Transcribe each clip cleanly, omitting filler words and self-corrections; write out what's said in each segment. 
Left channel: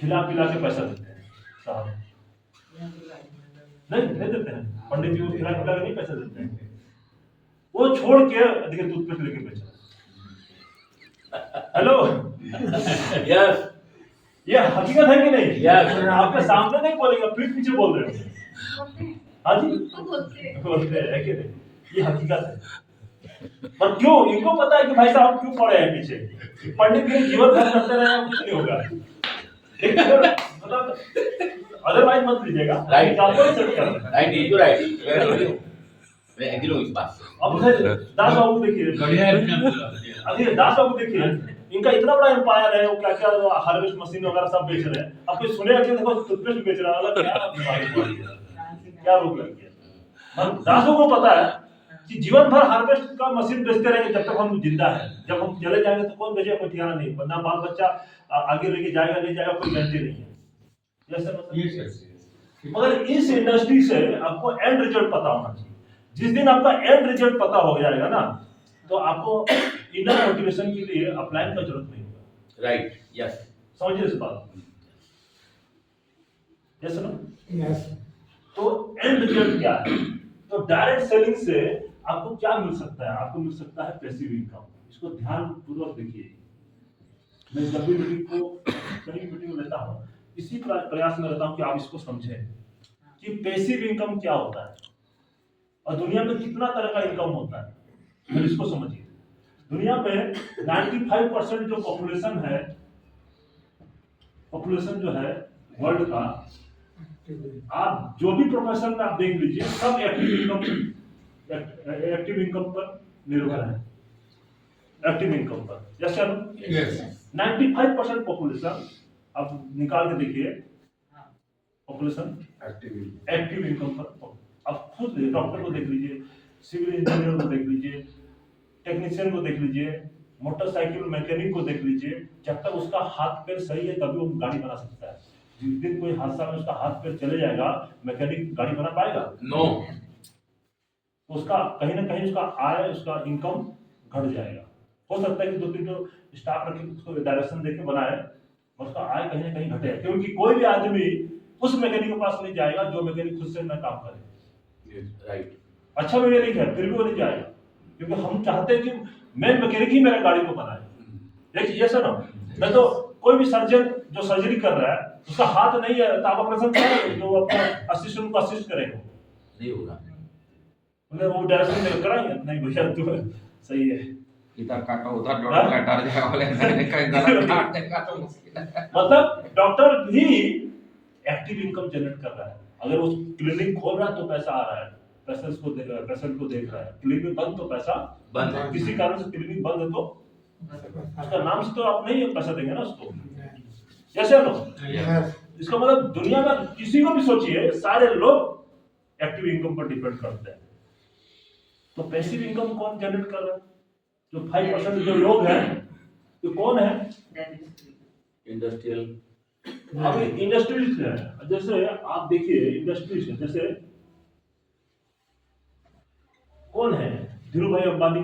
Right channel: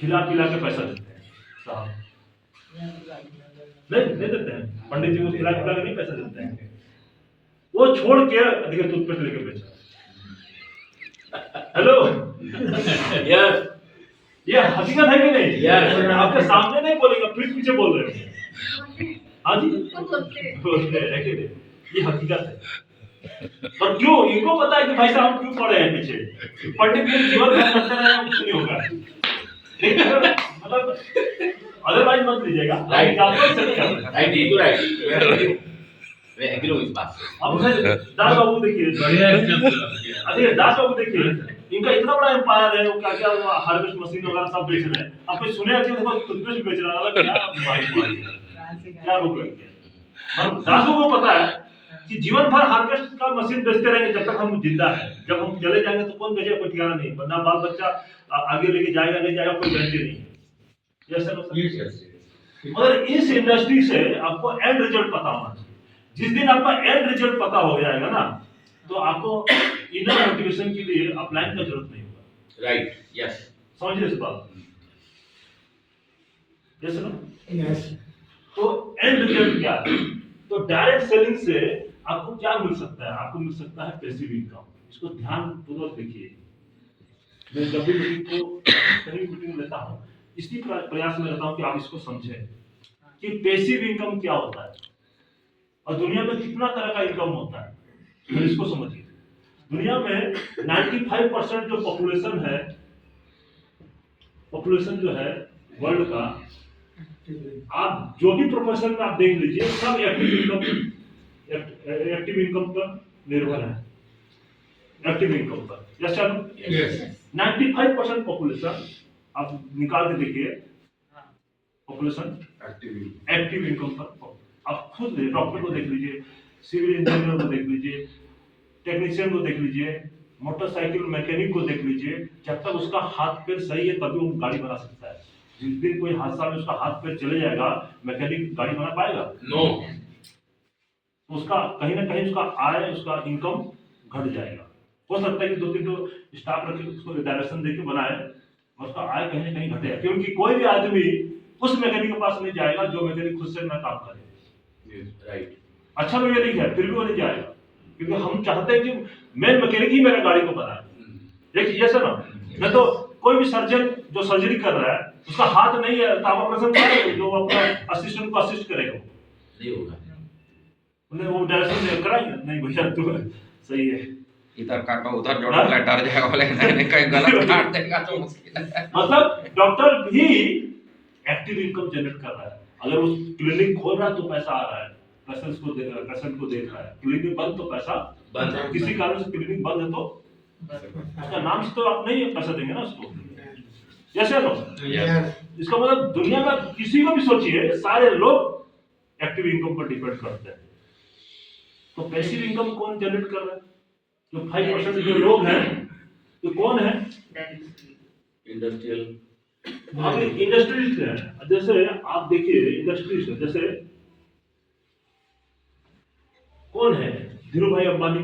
खिला पिला के पैसा देते हैं साहब, नहीं देते हैं, पंडित जी को खिला पिला के नहीं पैसा देते हैं, वो छोड़ के देखिए टूथपेस्ट लेके बेच रहा है। हेलो यस ये हकीकत है कि नहीं? Yes. आपके सामने नहीं बोलेगा, पीठ पीछे बोल रहे हो। हाँ जी बोलते हैं कि नहीं, ये हकीकत है। और क्यों? इनको पता है कि भाई साहब क्यों पड़े हैं पीछे, पंडित जी जीवन भर करते रहे कुछ नहीं होगा, लेकिन अगर मतलब अदरवाइज मत लीजिएगा। राइट राइट राइट मैं एग्री हूं इस बात से। अब दास बाबू देखिए, बढ़िया एग्जांपल अरे दास बाबू देखिए, इनका इतना बड़ा एम्पायर है, वो क्या क्या हार्वेस्ट मशीन वगैरह सब बेच रहे हैं। आप कुछ सुने कि देखो टूथपेस्ट बेच रहा है, क्या रोक लग गया? दास बाबू को पता है कि जीवन भर हार्वेस्ट का मशीन बेचते रहेंगे जब तक हम जिंदा है, जब हम चले जाएंगे तो कौन बेचेगा, कोई ठिकाना नहीं, वरना बाल बच्चा आगे लेके जाएगा नहीं जाएगा कोई गारंटी नहीं है। Yes sir. मगर इस इंडस्ट्री से आपको एंड रिजल्ट पता होना चाहिए। जिस दिन आपका एंड रिजल्ट पता हो जाएगा ना, तो आपको इनर मोटिवेशन के लिए अप्लाई का जरूरत नहीं होगा। राइट यस समझिए इस बात। यस नो यस तो एंड रिजल्ट क्या है? तो डायरेक्ट सेलिंग से आपको क्या मिल सकता है? आपको मिल सकता है पैसिव इनकम। इसको ध्यान पूर्वक देखिए। मैं जब भी मीटिंग को कहीं मीटिंग लेता हूँ, इसी प्रयास में रहता हूँ कि आप इसको समझें कि पैसिव इनकम क्या होता है और दुनिया में कितना तरह का इनकम होता है। फिर इसको समझिए। दुनिया में 95% जो पॉपुलेशन जो है वर्ल्ड का, आप जो भी प्रोफेशन में आप देख लीजिए, सब एक्टिव इनकम पर निर्भर है। एक्टिव इनकम पर जैसे 95% पॉपुलेशन आप निकाल के देखिए, पॉपुलेशन एक्टिव इनकम पर। आप खुद डॉक्टर को देख लीजिए, सिविल इंजीनियर को देख लीजिए, टेक्नीशियन को देख लीजिए, मोटरसाइकिल मैकेनिक को देख लीजिए। जब तक उसका हाथ पैर सही है तभी वो गाड़ी बना सकता है। जिस दिन कोई हादसा में उसका हाथ पैर चले जाएगा, मैकेनिक गाड़ी बना पाएगा? नो। तो उसका कहीं ना कहीं उसका आय, उसका इनकम घट जाएगा। हो सकता है कि 2-3 तो स्टाफ रखे, उसको डायरेक्शन देके बनाए, और उसका आय कहीं ना कहीं घटेगा, क्योंकि कोई भी आदमी उस मैकेनिक के पास नहीं जाएगा जो मैकेनिक खुद से ना काम करे। राइट अच्छा मैकेनिक है फिर भी वो नहीं जाएगा, क्योंकि हम चाहते हैं कि मेन मैकेनिक ही मेरा गाड़ी को बनाए। देखिए ये सर ना, तो कोई भी सर्जन जो सर्जरी कर रहा है, उसका हाथ नहीं है तो आप ऑपरेशन करेंगे, जो अपना असिस्टेंट को असिस्ट करेगा नहीं होगा, उन्हें वो डायरेक्शन कराएंगे नहीं भैया तू सही है, इधर काटो उधर जोड़ो, डर जाएगा बोले कहीं गलत काट देगा तो मुश्किल है। मतलब डॉक्टर भी एक्टिव इनकम जनरेट कर रहा है। अगर वो क्लिनिक खोल रहा है तो पैसा आ रहा है, पेशेंट को देख रहा है। क्लिनिक बंद तो पैसा बंद है। किसी कारण से क्लिनिक बंद है तो उसका नाम से तो आप नहीं पैसा देंगे ना उसको। जैसे नो इसका मतलब दुनिया में किसी को भी सोचिए, सारे लोग एक्टिव इनकम पर डिपेंड करते हैं। तो पैसिव इनकम कौन जनरेट कर रहा है? जो 5% जो लोग हैं, तो कौन है? इंडस्ट्रियल। आप इंडस्ट्रीज है, जैसे आप देखिए इंडस्ट्रीज है, जैसे कौन है? धीरू भाई अंबानी।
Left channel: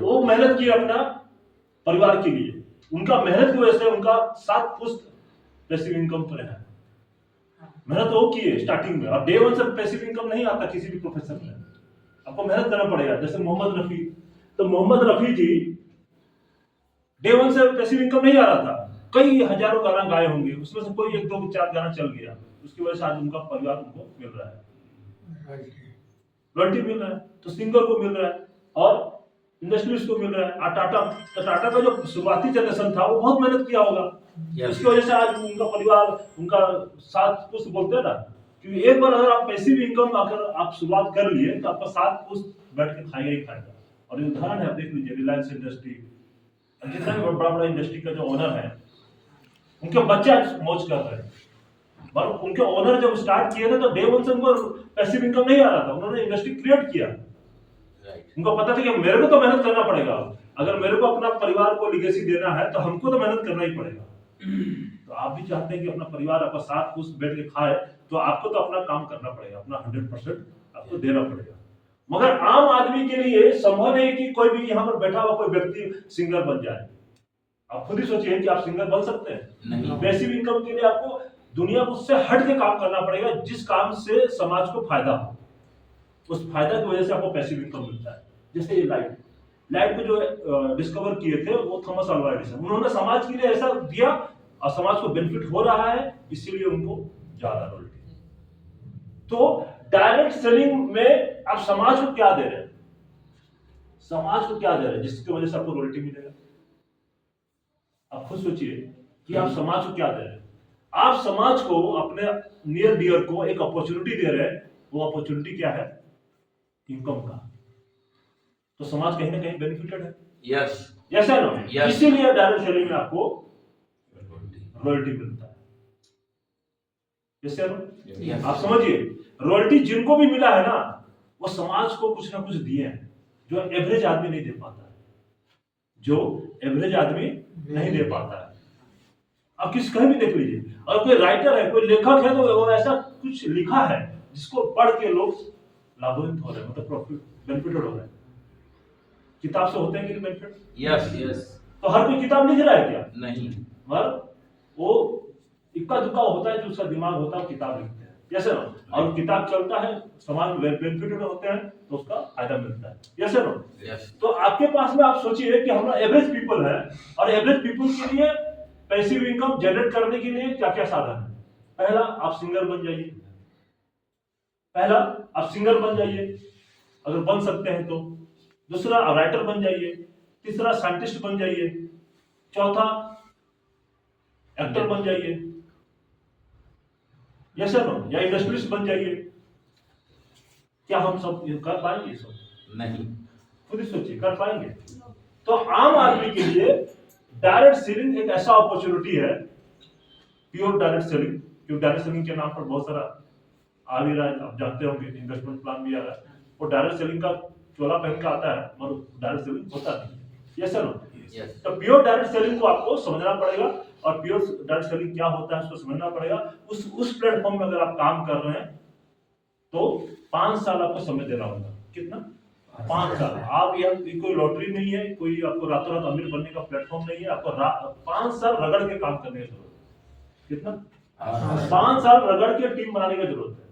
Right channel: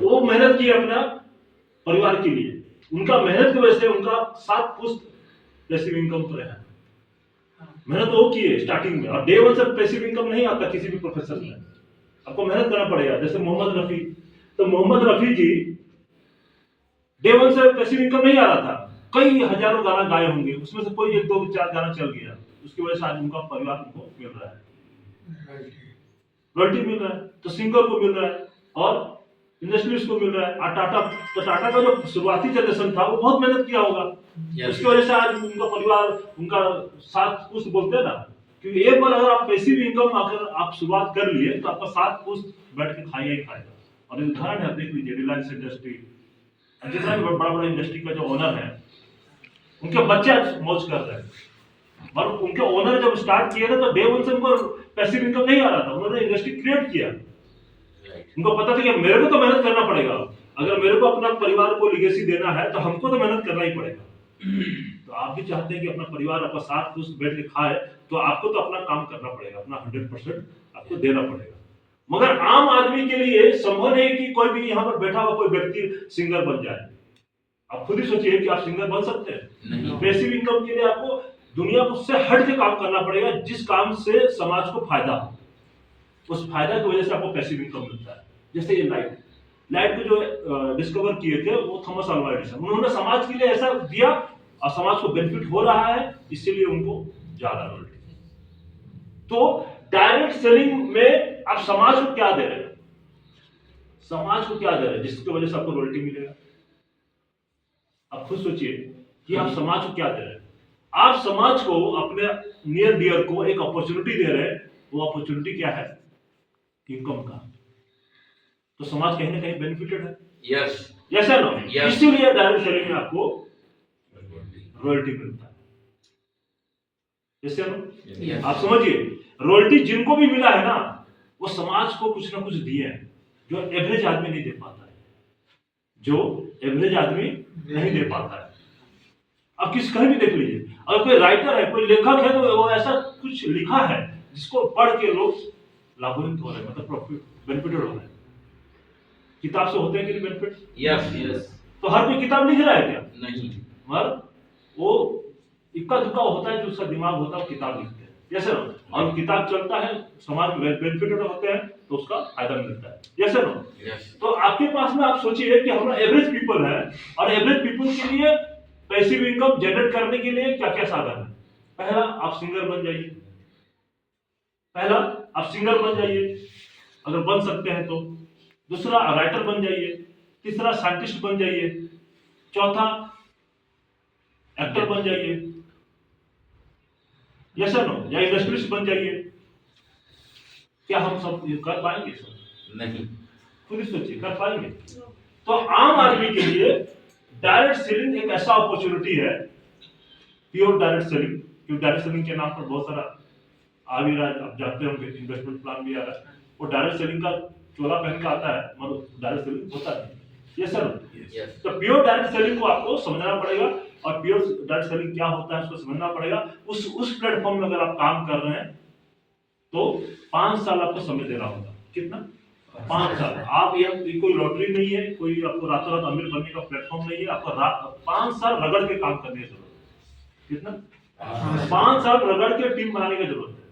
वो मेहनत की अपना परिवार के लिए, उनका मेहनत की वजह से उनका 7 पुश्त पैसिव इनकम पर है। मेहनत वो की है स्टार्टिंग में। अब डे 1 से पैसिव इनकम नहीं आता किसी भी प्रोफेशन में, आपको मेहनत करना पड़ेगा। जैसे मोहम्मद रफी, तो मोहम्मद रफी जी डे 1 से पैसिव इनकम नहीं आ रहा था, कई हजारों गाना गाए होंगे, उसमें से कोई 1, 2, 4 गाना चल गया, उसकी वजह से आज उनका परिवार उनको मिल रहा है, रॉयल्टी मिल रहा है, तो सिंगर को मिल रहा है और इंडस्ट्रीज को मिल रहा है। टाटा, तो टाटा का जो शुरुआती जनरेशन था वो बहुत मेहनत किया होगा, उसकी वजह से आज उनका परिवार, उनका 7 पुश्त बोलते हैं ना, क्योंकि एक बार अगर आप पैसिव इनकम अगर आप शुरुआत कर लिए तो आपका 7 पुश्त बैठ के खाएगा ही खाएगा। और उदाहरण है, देख लीजिए रिलायंस इंडस्ट्री, जितना भी बड़ा बड़ा इंडस्ट्री का जो ओनर है, उनके बच्चे आज मौज कर रहे हैं। और उनके ओनर जब स्टार्ट किए ना तो डे 1 से उनको पैसिव इनकम नहीं आ रहा था, उन्होंने इंडस्ट्री क्रिएट किया। उनको पता था कि मेरे को तो मेहनत करना पड़ेगा, अगर मेरे को अपना परिवार को लिगेसी देना है तो हमको तो मेहनत करना ही पड़ेगा। तो आप भी चाहते हैं कि अपना परिवार आपका 7 पुश्त बैठ के खाए, तो आपको तो अपना काम करना पड़ेगा, अपना 100% आपको देना पड़ेगा। मगर आम आदमी के लिए संभव नहीं कि कोई भी यहाँ पर बैठा हुआ कोई व्यक्ति सिंगर बन जाए। आप खुद ही सोचिए कि आप सिंगर बन सकते हैं? नहीं। पैसिव इनकम के लिए आपको दुनिया को उससे हट के काम करना पड़ेगा, जिस काम से समाज को फायदा हो। उस फायदा की वजह से आपको पैसिव इनकम मिलता है। जैसे ये लाइट को जो डिस्कवर किए थे वो थॉमस अल्वा एडिसन, उन्होंने समाज के लिए ऐसा दिया और समाज को बेनिफिट हो रहा है, इसीलिए उनको ज्यादा रॉयल्टी। तो डायरेक्ट सेलिंग में आप समाज को क्या दे रहे हैं? समाज को क्या दे रहे हैं जिसकी वजह से आपको रॉयल्टी मिलेगा? आप खुद सोचिए कि आप समाज को क्या दे रहे हैं। आप समाज को, अपने नियर डियर को एक अपॉर्चुनिटी दे रहे हैं। वो अपॉर्चुनिटी क्या है? इनकम का। तो समाज कहीं ना कहीं बेनिफिटेड है। यस। यस है ना? Yes. इसीलिए डायरेक्ट सेलिंग में आपको रॉयल्टी मिलता है। यस है ना? Yes. आप समझिए, रॉयल्टी जिनको भी मिला है ना, वो समाज को कुछ ना कुछ दिए हैं जो एवरेज आदमी नहीं दे पाता है, जो एवरेज आदमी नहीं दे पाता है। आप किस कहीं भी देख लीजिए, अगर कोई राइटर है, कोई लेखक है, तो वो ऐसा कुछ लिखा है जिसको पढ़ के लोग लाभान्वित हो रहे हैं, मतलब प्रॉफिट बेनिफिटेड हो रहे हैं। किताब से होते हैं कि नहीं बेनिफिट? यस। यस। तो हर कोई किताब लिख रहा है क्या? नहीं। मगर वो इक्का दुक्का होता है, जो उसका दिमाग होता है वो किताब लिखते हैं। जैसे ना, और किताब चलता है, समाज में बेनिफिटेड होते हैं तो उसका फायदा मिलता है। जैसे ना, यस। तो आपके पास में आप सोचिए कि हम लोग एवरेज पीपल है, और एवरेज पीपल के लिए पैसिव इनकम जनरेट करने के लिए क्या क्या साधन है? पहला, आप सिंगर बन जाइए। पहला, आप सिंगर बन जाइए अगर बन सकते हैं तो। दूसरा, राइटर बन जाइए। तीसरा, साइंटिस्ट बन जाइए। चौथा, एक्टर बन जाइए, यस और नो, या इंडस्ट्रियलिस्ट बन जाइए। क्या हम सब ये कर पाएंगे? सब नहीं। खुद ही सोचिए, कर पाएंगे? तो आम आदमी के लिए डायरेक्ट सेलिंग एक ऐसा अपॉर्चुनिटी है, प्योर डायरेक्ट सेलिंग। क्योंकि डायरेक्ट सेलिंग के नाम पर बहुत सारा आ भी रहा है, आप जानते होंगे, इन्वेस्टमेंट प्लान भी आ रहा है। वो डायरेक्ट सेलिंग का चोला पहन का आता है, मगर डायरेक्ट सेलिंग होता नहीं। Yes sir? यस। तो प्योर डायरेक्ट सेलिंग को आपको समझना पड़ेगा, और प्योर डायरेक्ट सेलिंग क्या होता है उसको समझना पड़ेगा। उस प्लेटफॉर्म में अगर आप काम कर रहे हैं तो 5 साल आपको समय देना होगा। कितना? 5 साल। आप ये कोई लॉटरी नहीं है, कोई आपको रातों रात अमीर बनने का प्लेटफॉर्म नहीं है। आपको 5 साल रगड़ के काम करने की जरूरत है। कितना? 5 साल रगड़ के टीम बनाने की जरूरत है।